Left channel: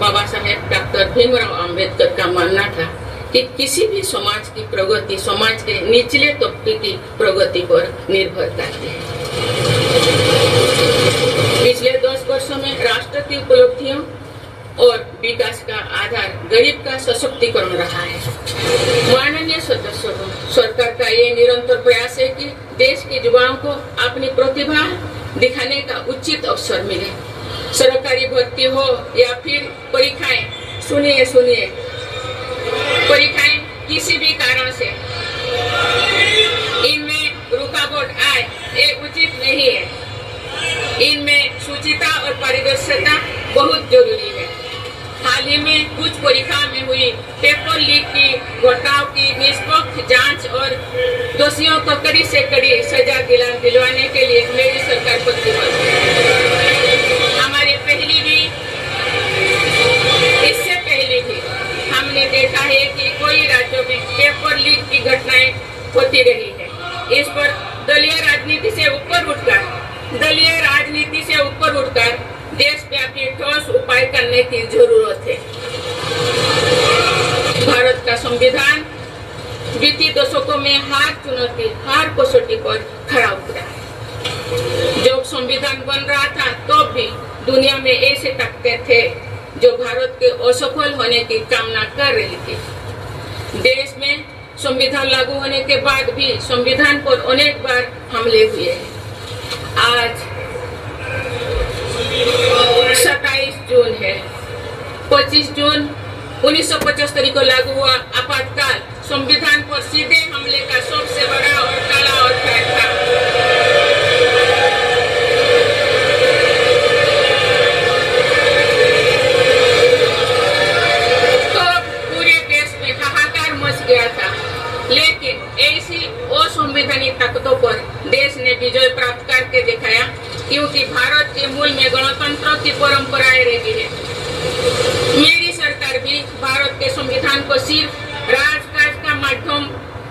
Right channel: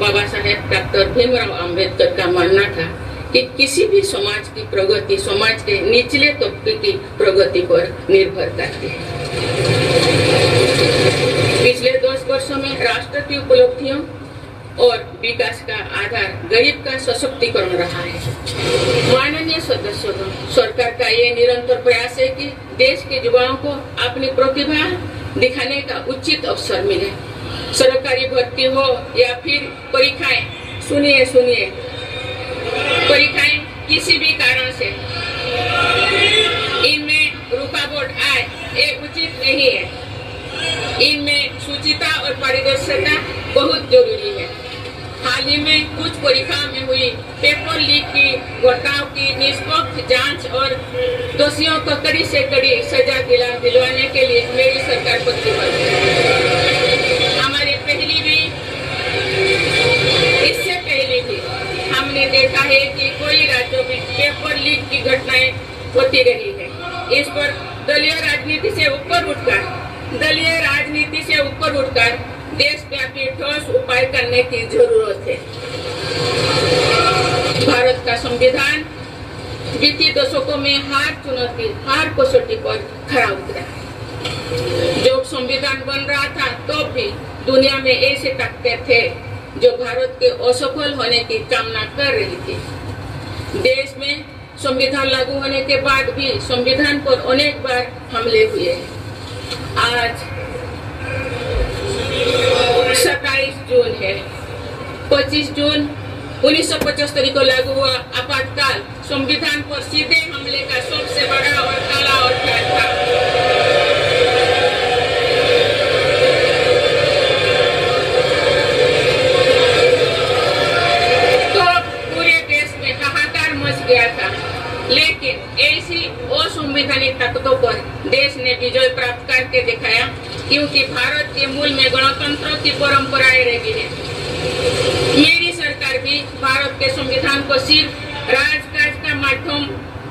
Baba Saheb doctor Bhimrao Ambedkar का मानना था कि किसी भी समाज की प्रगति समाज के निचले तबके की प्रगति पर निर्भर करती है। पिछले 10 वर्षों में राष्ट्र की उपलब्धियों और विकास का आधार गरीब का सशक्तिकरण रहा है। माननीय सदस्यों, सरकार का ये निरंतर प्रयास है कि देश के युवाओं को अपनी प्रतिभा दिखाने का उचित अवसर मिले। सरकारी भर्ती हो या फिर परीक्षाएं, सुनिए परीक्षाएं किसी भी कारण से इनमें रुकावट आए, ये उचित नहीं है। इनमें शुचिता और पारदर्शिता बहुत जरूरी है। हाल ही में कुछ परीक्षा में हुई पेपर लीक की घटनाओं की निष्पक्ष जांच और दोषियों को कड़ी से कड़ी सजा दिलवाने के लिए मेरी सरकार प्रतिबद्ध है। हमारे इससे पहले भी हमने देखा है कि कोई राज्यों में पेपर लीक की घटनाएं होती रही है। इस पर दलीय राजनीति से ऊपर उठकर देशव्यापी ठोस उपाय करने की जरूरत है। भारत का संविधान बीते दशकों में हर कसौटी पर खरा उतरा। जब संविधान बन रहा था तो भी दुनिया में ऐसे ताकतें थे जो भारत के असफल होने की कामना कर रही थी। देश में संविधान लागू होने के बाद भी संविधान पर अनेक बार हमले हुए। आज 27 जून है। 25 जून 1975 को लागू हुआ आपातकाल संविधान पर सीधे हमले का सबसे बड़ा और काला अध्याय था। लेकिन ऐसी असंवैधानिक ताकतों पर देश ने विजय प्राप्त करके दिखाया, क्योंकि भारत के मूल में गणतंत्र की परंपराएं रही है। मेरी सरकार भी भारत के संविधान को सिर्फ राजकाज का माध्यम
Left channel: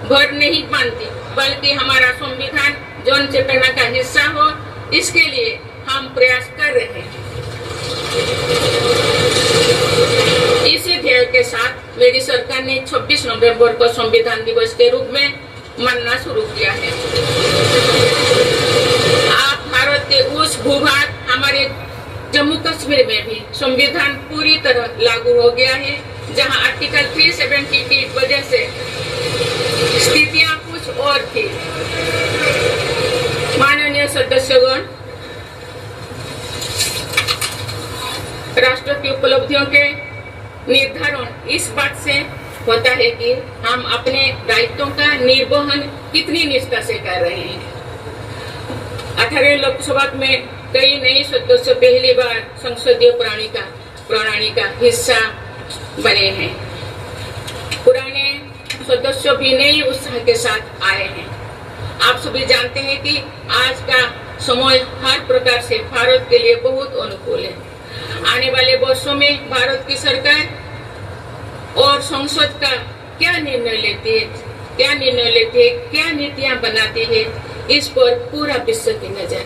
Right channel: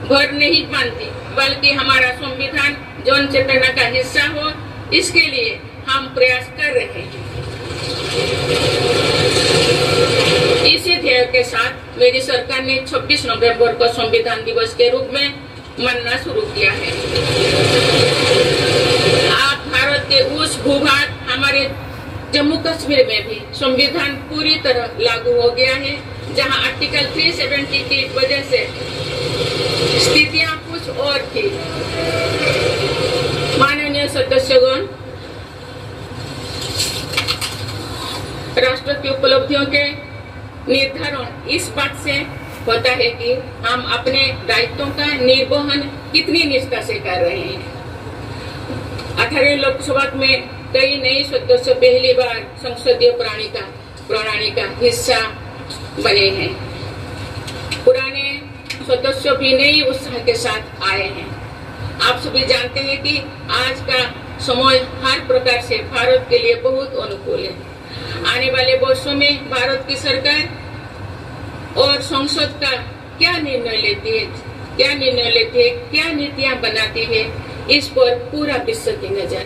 भर नहीं मानती, बल्कि हमारा संविधान जन चेतना का हिस्सा हो, इसके लिए हम प्रयास कर रहे हैं। इसी ध्येय के साथ मेरी सरकार ने 26 नवंबर को संविधान दिवस के रूप में मनाना शुरू किया है। आप भारत के उस भूभाग हमारे जम्मू कश्मीर में भी संविधान पूरी तरह लागू हो गया है, जहां आर्टिकल 370 की वजह से स्थितियां कुछ और थी। माननीय सदस्यगण, राष्ट्र की उपलब्धियों के निर्धारण इस बात से होता है कि हम अपने दायित्वों का निर्वहन कितनी निष्ठा से कर रहे हैं। 18 लोकसभा में कई नए सदस्य पहली बार संसदीय प्रणाली का हिस्सा बने हैं। पुराने सदस्य भी नए उत्साह के साथ आए हैं। आप सभी जानते हैं कि आज का समय हर प्रकार से भारत के लिए बहुत अनुकूल है। आने वाले वर्षों में भारत की सरकार और संसद का क्या निर्णय लेती है, क्या नीतियां बनाती है, इस पर पूरा विश्व की नजर